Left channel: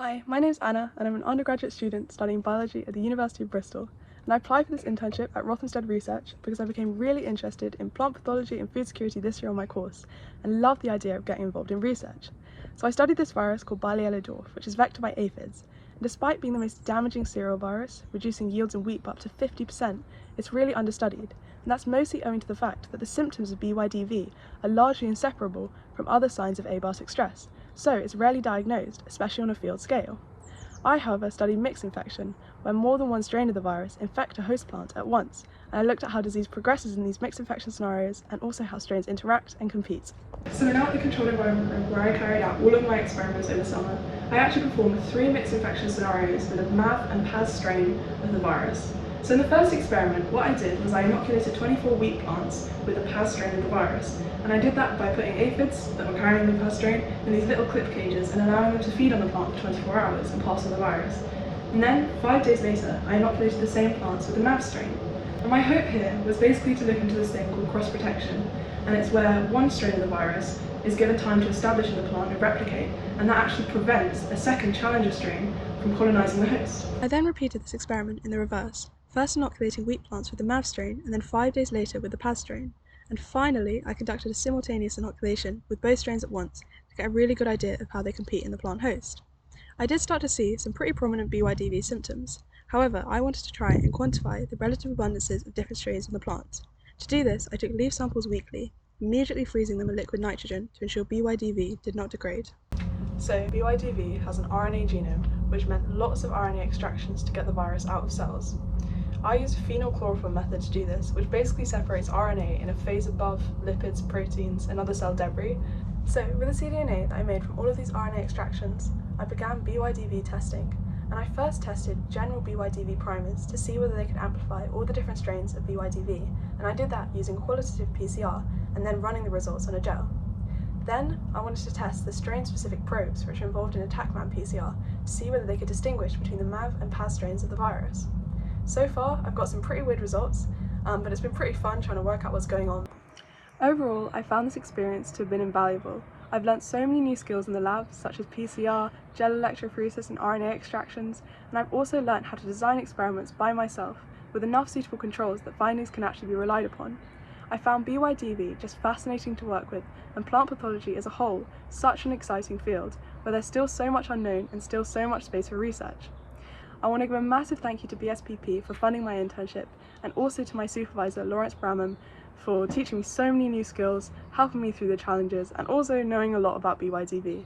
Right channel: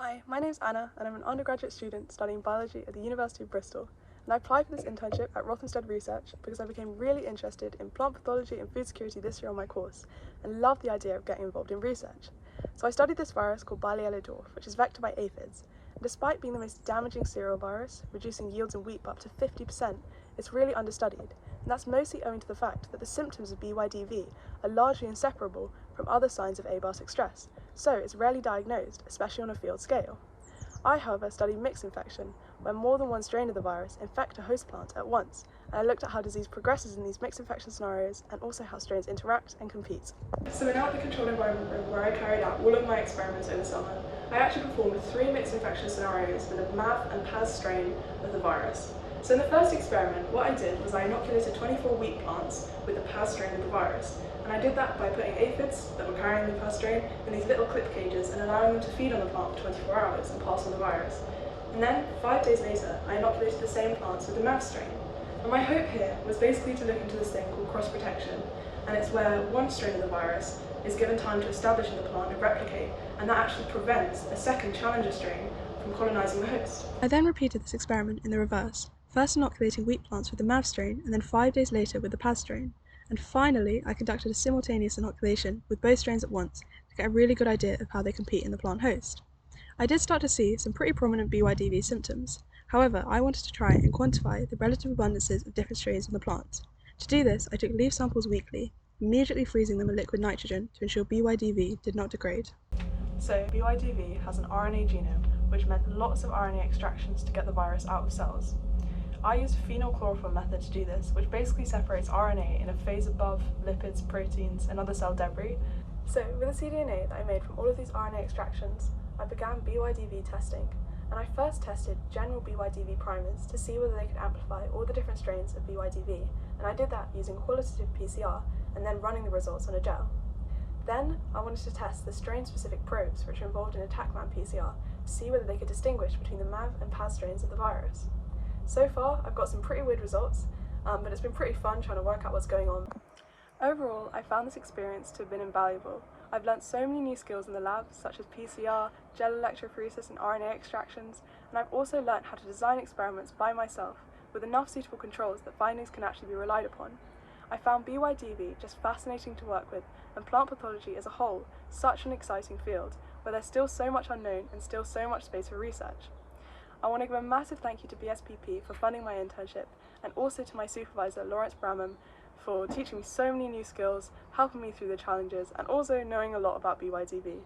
Hi, my name is Anna and I'm an undergraduate student studying biology at the University of Bristol, and I applied for this internship at Rothamsted Research because I became really interested in plant pathology and food security this year on my course and loved the idea of getting involved in research. So I studied this virus called Barley dwarf, which is vectored by aphids, and despite being the most damaging cereal virus, reducing yields in wheat by up to 50%, it's really understudied, and that's mostly owing to the fact that the symptoms of BYDV are largely inseparable from other signs of abiotic stress, so it's rarely diagnosed, especially on a field scale. I, however, studied mixed infection, where more than one strain of the virus infect a host plant at once, and I looked at how disease progresses in these mixed infection scenarios and also how strains interact and compete. So we're now at the controlled environment room where I carried out all of my experiments over summer. I actually performed 3 mixed infection scenarios with a MAV and PAS strain of the virus. So in the first experiment, what I did was I inoculated 24 wheat plants with the PAS strain of the virus, and I did that by putting aphids that were carrying the PAS strain in these little clip cages and allowing them to feed on the plant for 24 hours and pass on the virus. And then, 5 days later, I inoculated the same plants with the MAV strain. And my hope here was basically to look into this thing called cross-protection, and it's where one strain of the virus is given time to establish in the plant and replicate, and that actually prevents a second challenger strain from colonising the host. I then repeated this experiment in the reverse, first inoculating wheat plants with the MAV strain and then 5 days later with the PAS strain. And finally, I conducted a simultaneous inoculation with both strains at once to get a really good idea of how they compete in the plant host. I did start to see some pretty prominent BYDV symptoms. However, I wanted to try and quantify the relative abundances of different strains on the plant. To do this, I took leaf samples weekly, immediately freezing them in liquid nitrogen to ensure BYDV did not degrade. So BYDV has an RNA genome, which meant lots of RNA extractions to get the virus out of cells. I used a phenylchlorophore method to do this, which basically separates RNA in a phase above lipids, proteins, and other cell debris. So with the cDNA that I made from all of these RNA extractions, I began BYDV testing, and I first tested general BYDV primers to see whether they could amplify all the different strains of BYDV, and I did that using qualitative PCR and then running the results on a gel. Then I wanted to test the strain-specific probes which are involved in attack-man PCR to see whether they could distinguish between the MAV and PAS strains of the virus. So far, I've got some pretty weird results, but it's been pretty fun trying to work out what's going on. Overall, I found this experience to have been invaluable. I've learnt so many new skills in the lab, such as PCR, gel electrophoresis and RNA extractions, and I've also learnt how to design experiments by myself with enough suitable controls that findings can actually be relied upon. I found BYDV just fascinating to work with, and plant pathology as a whole such an exciting field, where there's still so much unknown and still so much space for research. I want to give a massive thank you to BSPP for funding my internship, and also to my supervisor Lawrence Bramham for teaching me so many new skills, helping me through the challenges, and also knowing a lot about BYDV.